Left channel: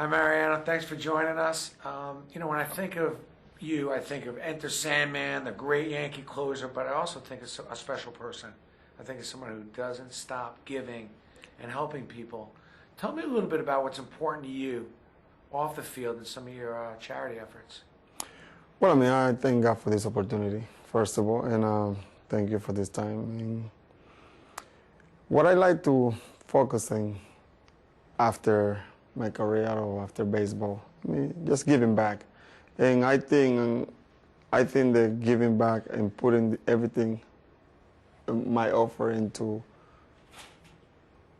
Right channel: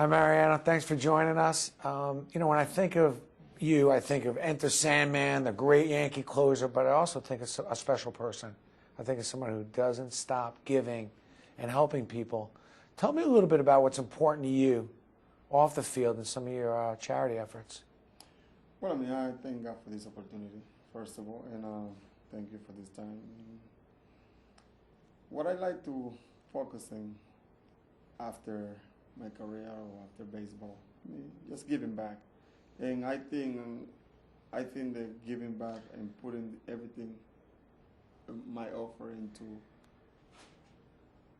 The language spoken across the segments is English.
Hi, Mariano. Thanks for joining us. When I think of you, I think of Enter Sandman, the great Yankee closer, but I also think it's a special person. I think it's someone who doesn't stop giving and helping people. Tell me a little bit about what's important to you off the field and some of your charity efforts. Well, I thank God for this opportunity, first of all, and thank you for this time. And what I like to focus on after my career or after baseball, just giving back. And I think that giving back and putting everything, my offer into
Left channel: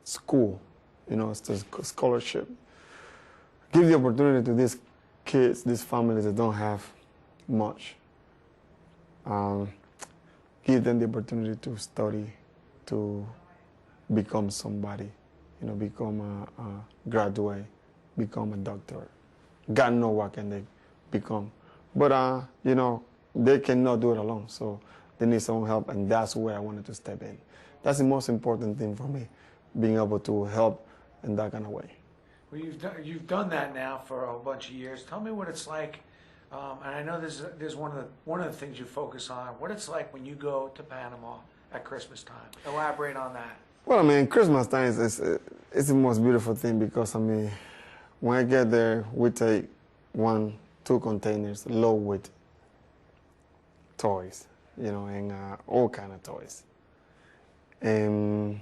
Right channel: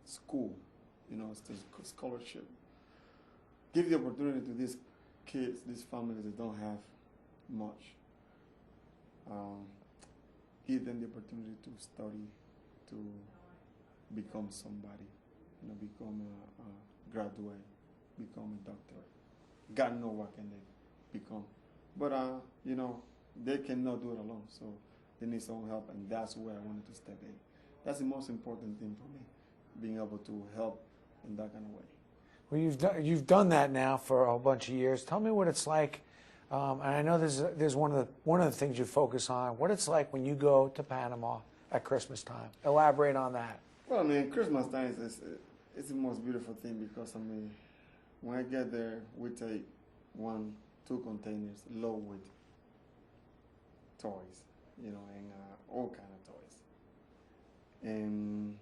school, it's a scholarship, give the opportunity to these kids, these families that don't have much. Give them the opportunity to study, to become somebody, become a graduate, become a doctor. God knows what can they become. But, they cannot do it alone, so they need some help, and that's where I wanted to step in. That's the most important thing for me, being able to help in that kind of way. Well, you've done that now for a whole bunch of years. Tell me what it's like. And I know there's one of the things you focus on. What it's like when you go to Panama at Christmas time. Elaborate on that. Well, Christmas time is the most beautiful thing because when I get there, we take 1-2 containers loaded with toys, and all kind of toys. And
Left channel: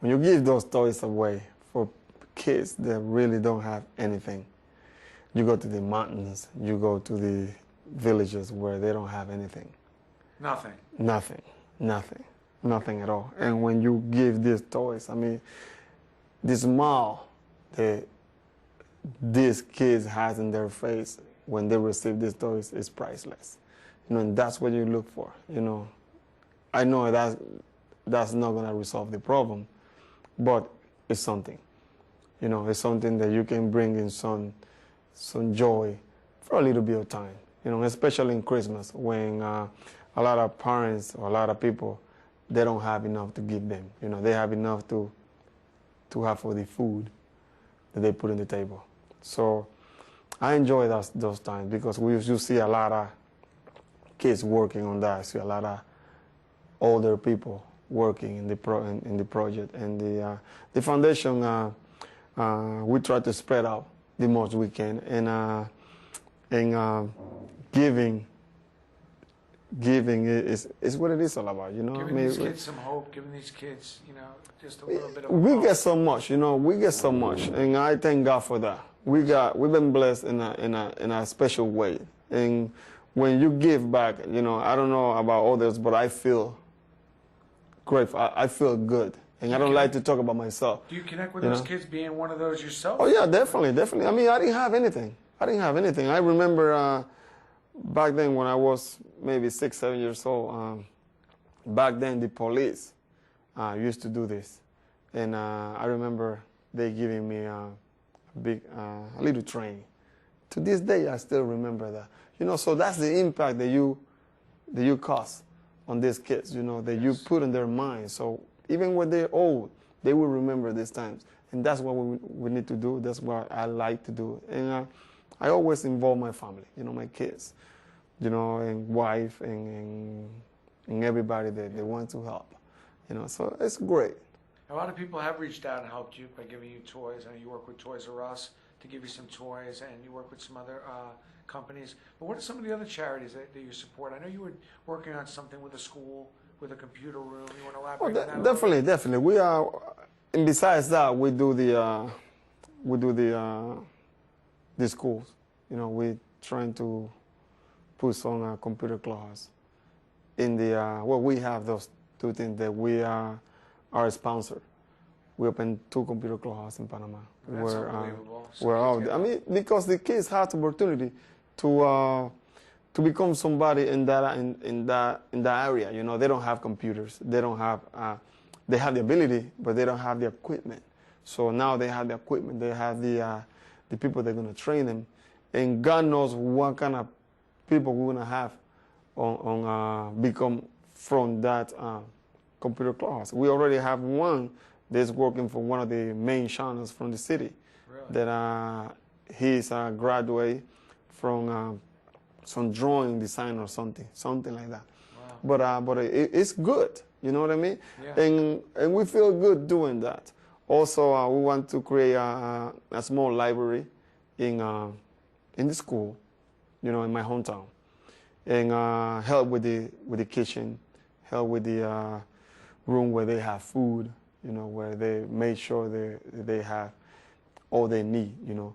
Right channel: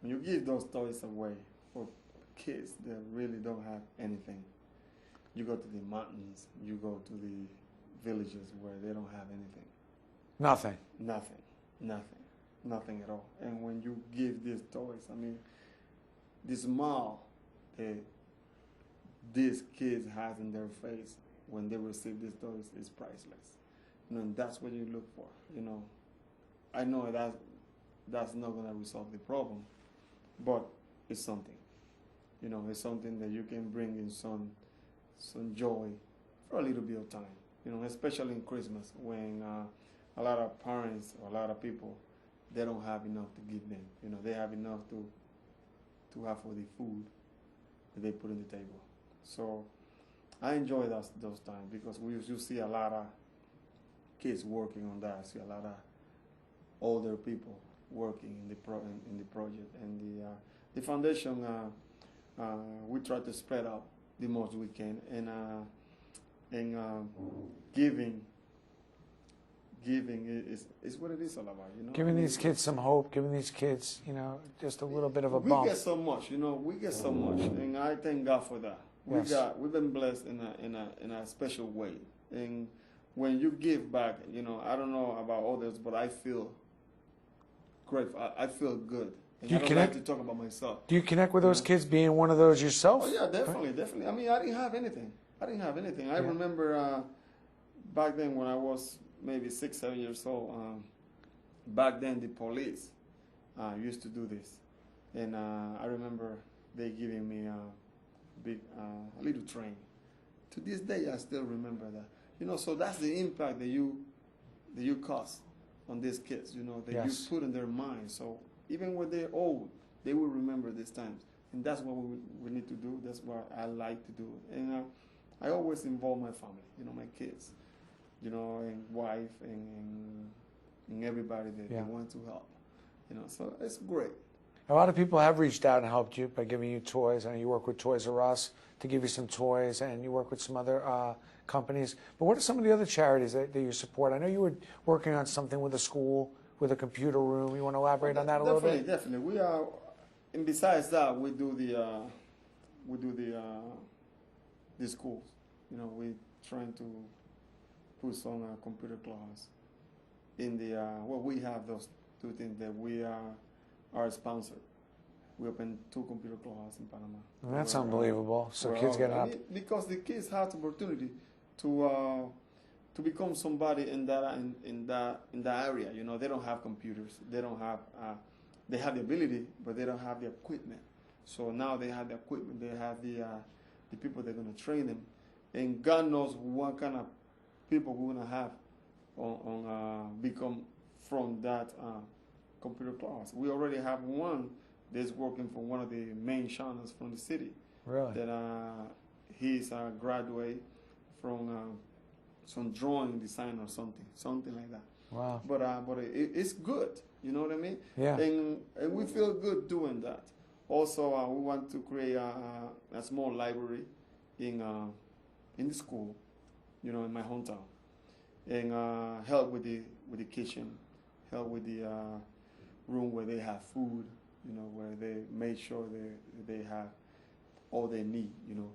when you give those toys away for kids that really don't have anything, you go to the mountains, you go to the villages where they don't have anything. Nothing. Nothing at all. And when you give these toys, the smile that these kids has in their face when they receive these toys is priceless. And that's what you look for. I know that's not gonna resolve the problem, but it's something. It's something that you can bring in some joy for a little bit of time, especially in Christmas when a lot of parents or a lot of people, they don't have enough to give them. They have enough to have for the food that they put on the table. So I enjoy those times because you see a lot of kids working on that. I see a lot of older people working in the project. And the foundation, we try to spread out the most we can, and giving is what it is all about, Giving these kids some hope, giving these kids, just a little bit of a we bump. get so much, and I thank God for that. We've been blessed in a special way, and when you give back, I don't know about others, but I feel grateful. I feel good. And I don't like to talk about myself. Do you connect with those kids being one of those yourself? Oh, yeah, definitely. I didn't have anything. I remember back then when I was maybe 6-7 years old, back then the police used to do this. And I remember they giving me a little training. To this day, I still remember that. So that's the impact that you cause on these kids, that you put in their minds. So even when they're old, they will remember these times. And that's what we need to do. That's what I like to do. And I always involve my family, my kids, and wife, and everybody that they want to help. So it's great. A lot of people have reached out and helped you by giving you toys. I know you work with Toys R Us to give you some toys, and you work with some other companies. But what are some of the other charities that you support? I know you were working on something with a school, with a computer room. You want to elaborate on that a little bit? Definitely. We are, and besides that, we do the schools. We're trying to put some computer classes in the. We have those 2 things that we are a sponsor. We opened 2 computer classes in Panama. That's unbelievable. Because the kids have the opportunity to become somebody in that area. They don't have computers. They don't have. They have the ability, but they don't have the equipment. So now they have the equipment. They have the people that are going to train them, and God knows what kind of people we're going to have on become from that computer class. We already have one that's working for one of the main channels from the city. Really? that he's a graduate from some drawing design or something like that. Wow. But it's good. You know what I mean? Yeah. And we feel good doing that. Also, we want to create a small library in the school, you know, in my hometown, and help with the kitchen, help with the room where they have food, you know, where they make sure they have all they need, you know,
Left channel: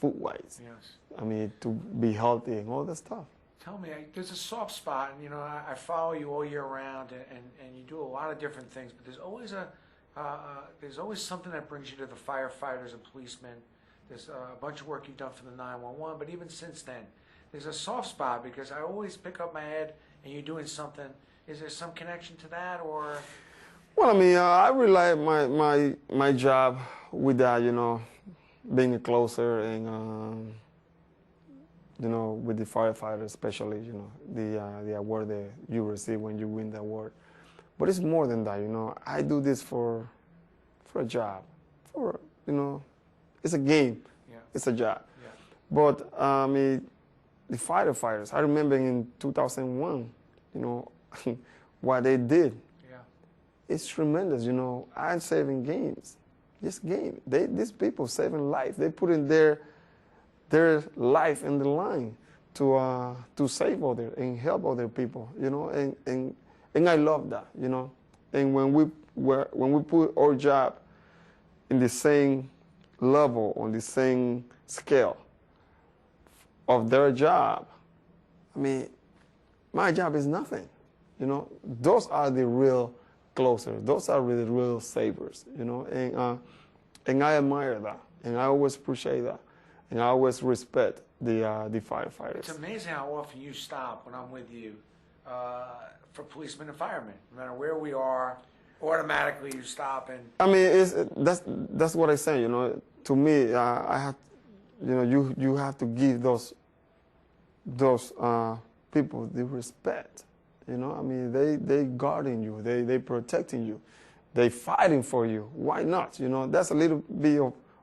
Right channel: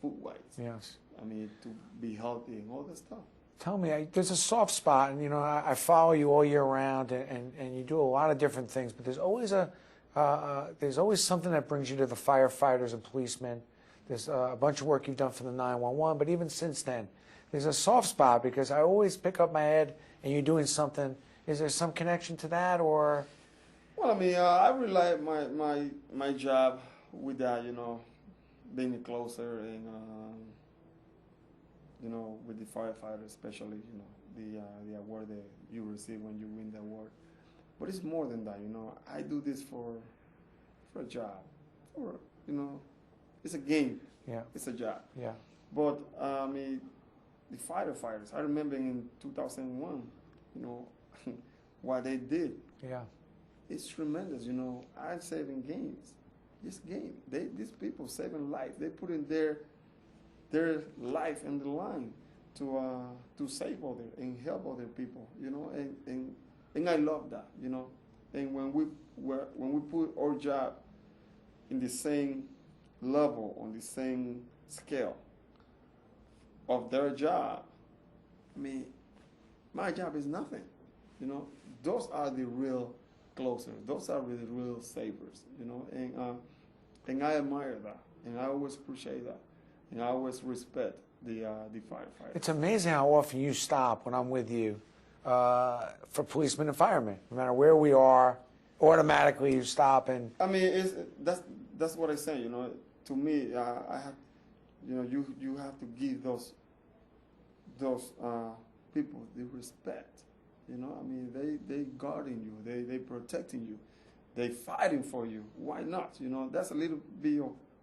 food-wise. Yes. I mean, to be healthy and all that stuff. Tell me, there's a soft spot, and you know, I follow you all year round, and you do a lot of different things. But there's always something that brings you to the firefighters and policemen. There's a bunch of work you've done for the 911, but even since then, there's a soft spot because I always pick up my head, and you're doing something. Is there some connection to that, or? Well, I mean, I really like my job with that, you know, being closer and. You know, with the firefighters, especially, you know, the award that you receive when you win the award. But it's more than that, you know. I do this for a job, you know, it's a game. Yeah. It's a job. Yeah. But the firefighters, I remember in 2001, you know, what they did. Yeah. It's tremendous, you know. I'm saving games. This game, these people saving life. They put in their life in the line to save other and help other people, you know, and I love that, you know. And when we put our job in the same level, on the same scale of their job, I mean, my job is nothing, you know. Those are the real closers. Those are the real savers, you know. And I admire that, and I always appreciate that. And I always respect the firefighters. It's amazing how often you stop when I'm with you for policemen and firemen. No matter where we are, automatically you stop and. I mean, that's what I say. You know, to me, I have, you know, you have to give those people the respect. You know, I mean, they guarding you, they protecting you, they fighting for you. Why not? You know, that's a little bit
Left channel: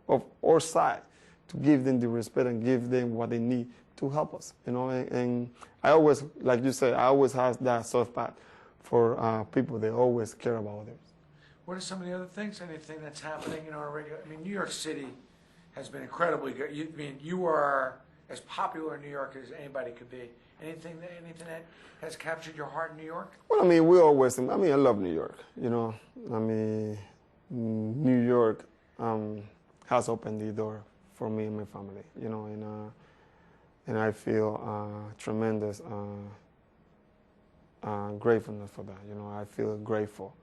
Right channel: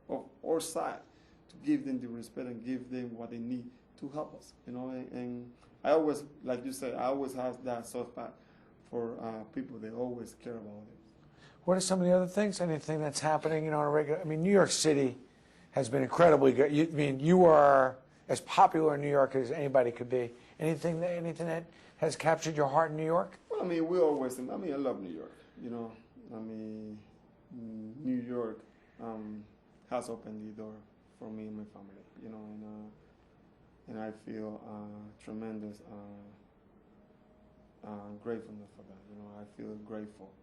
of our side. To give them the respect and give them what they need to help us, you know. And I always, like you said, I always have that soft spot for people that always care about others. What are some of the other things? Anything that's happening, you know, on a regular? I mean, New York City has been incredibly good. You are as popular in New York as anybody could be. Anything that has captured your heart in New York? Well, I mean, I love New York. You know, I mean, New York has opened the door for me and my family, you know, and I feel tremendous gratefulness for that. You know, I feel grateful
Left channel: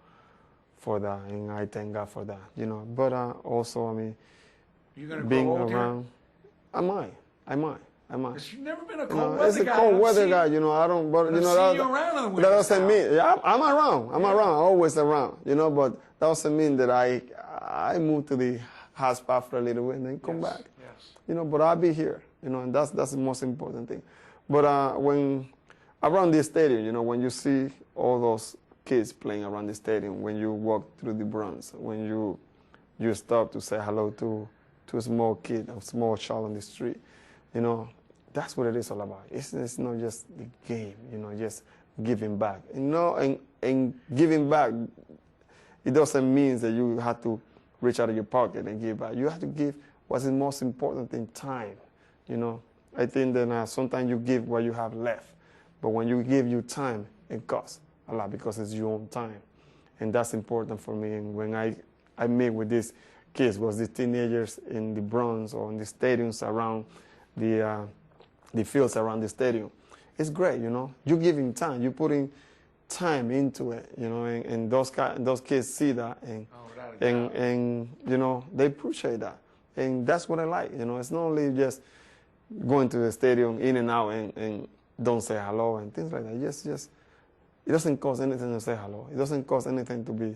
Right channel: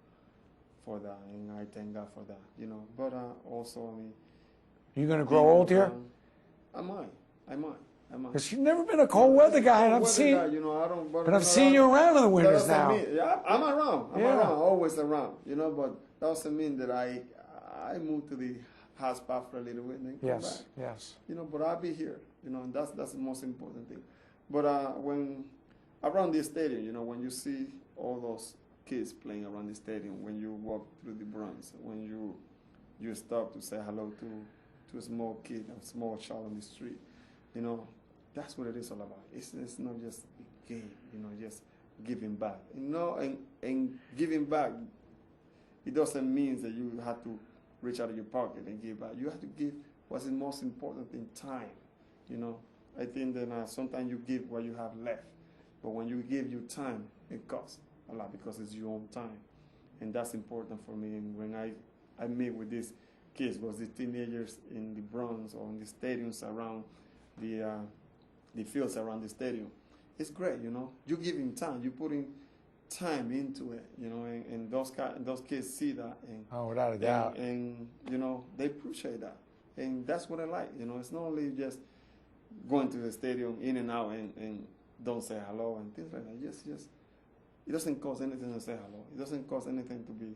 for that, and I thank God for that. You know, but also, I mean, you're gonna grow old here? I might. Because you've never been a cold weather guy. Cold weather guy, you know. I don't. But I've seen you around in the winter. That doesn't mean. Yeah, I'm around. I'm around. Always around. You know, but that doesn't mean that I moved to the hot spot for a little bit and then come back. Yes. You know, but I'll be here, you know, and that's the most important thing. But when around the stadium, you know, when you see all those kids playing around the stadium, when you walk through the Bronx, when you stop to say hello to a small kid, a small child on the street, you know, that's what it is all about. It's not just the game, you know, just giving back. You know, and giving back, it doesn't mean that you have to reach out of your pocket and give back. You have to give what's the most important thing, time. You know, I think that sometimes you give what you have left, but when you give your time, it costs a lot because it's your own time, and that's important for me. And when I meet with these kids, was these teenagers in the Bronx or in the stadiums around the fields around the stadium, it's great. You know, you're giving time, you're putting time into it, you know, and those kids see that, without a doubt. And you know, they appreciate that, and that's what I like. You know, it's not only just going to the stadium in and out and don't say hello and things like that. Just it doesn't cost anything to say hello. It doesn't cost anything to be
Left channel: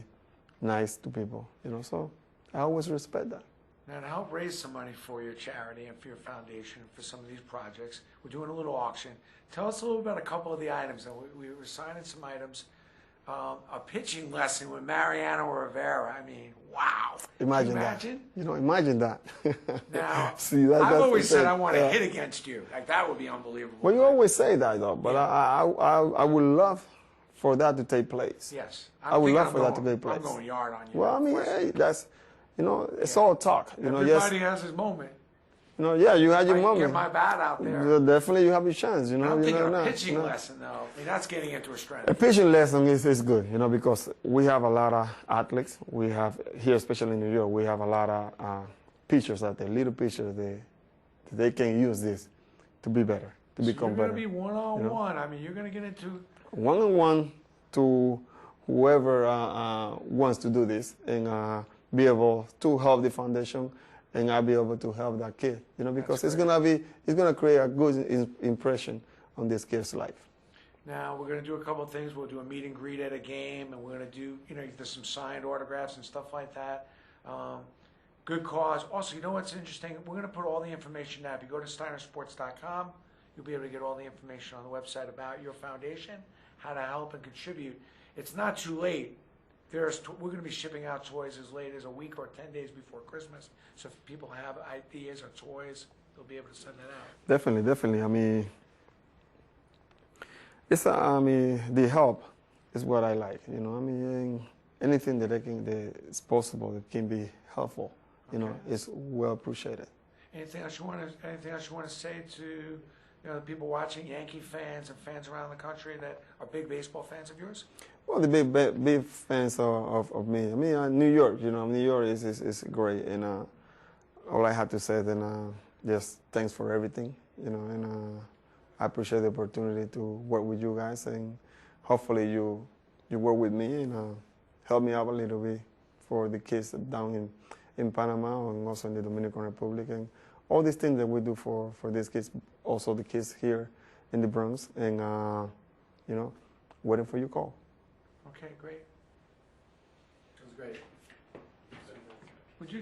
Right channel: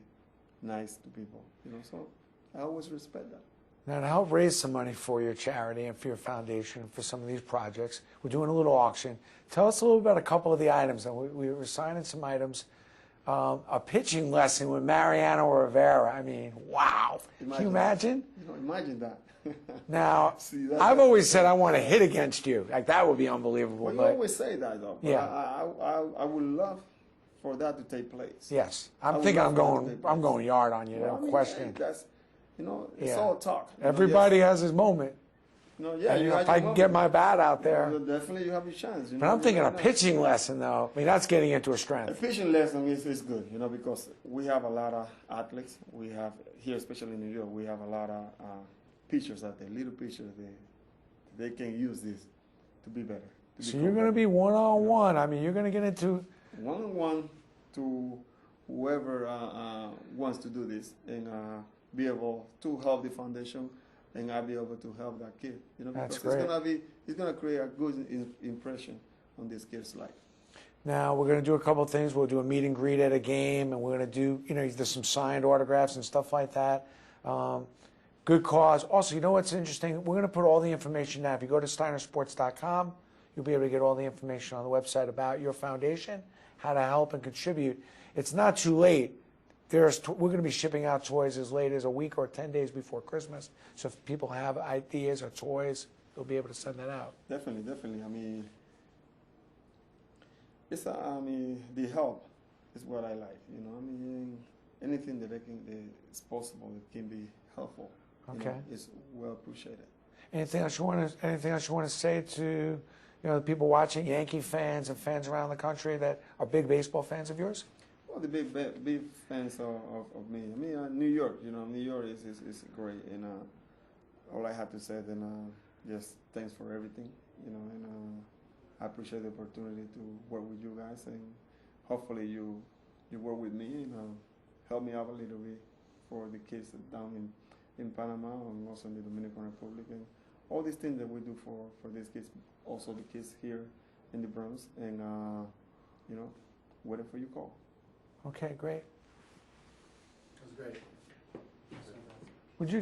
nice to people, you know. So I always respect that. Now, to help raise some money for your charity and for your foundation, for some of these projects, we're doing a little auction. Tell us a little about a couple of the items. And we were signing some items. a pitching lesson with Mariano or Rivera. I mean, wow. Can you imagine? That. Imagine that. Now, See, I've always said I want to hit against you. Like, that would be unbelievable. Well, you always say that, though. But Yeah. I would love for that to take place. Yes. I would love for that to take place. I'm going yard on you. Well, no I mean, question. hey, that's, it's Yeah. all talk. Everybody has his moment. Yeah, you had If your I can moment. get my bat out there. Definitely, you have your chance. I'm thinking a pitching lesson, though. I mean, that's getting into a A strength. pitching lesson is good, because we have a lot of athletes. We have here, especially in New York, we have a lot of pitchers out there, little pitchers. They can use this to be better, to So become you're going to better. be one-on-one. I mean, you're going to get into... One-on-one to whoever wants to do this and be able to help the foundation, and I'll be able to help that kid, because it's gonna create a good impression on this kid's life. Now, we're going to do a couple of things. We'll do a meet and greet at a game, and we're going to do, there's some signed autographs and stuff like that. Good cause. Also, you know what's interesting? We're going to put all the information now. If you go to steinersports.com, you'll be able to get all the information on the website about your foundation, how to help and contribute. It's not too late. We're going to be shipping out toys as late as a week or 10 days before Christmas. So if people have ideas or toys, they'll be able to send that out. Definitely. I mean, the help is what I like. Anything that is possible, it can be helpful. It's well appreciated. Anything else you want to say to the people watching, Yankee fans and fans around the country that are big baseball fans of yours? Well, the big fans of me. I mean, New York. New York is great, and all I have to say then just thanks for everything. And I appreciate the opportunity to work with you guys, and hopefully you work with me and help me out a little bit for the kids down in Panama and also in the Dominican Republic, and all these things that we do for these kids, also the kids here in the Bronx, and waiting for your call. Okay, great. That was great. Would you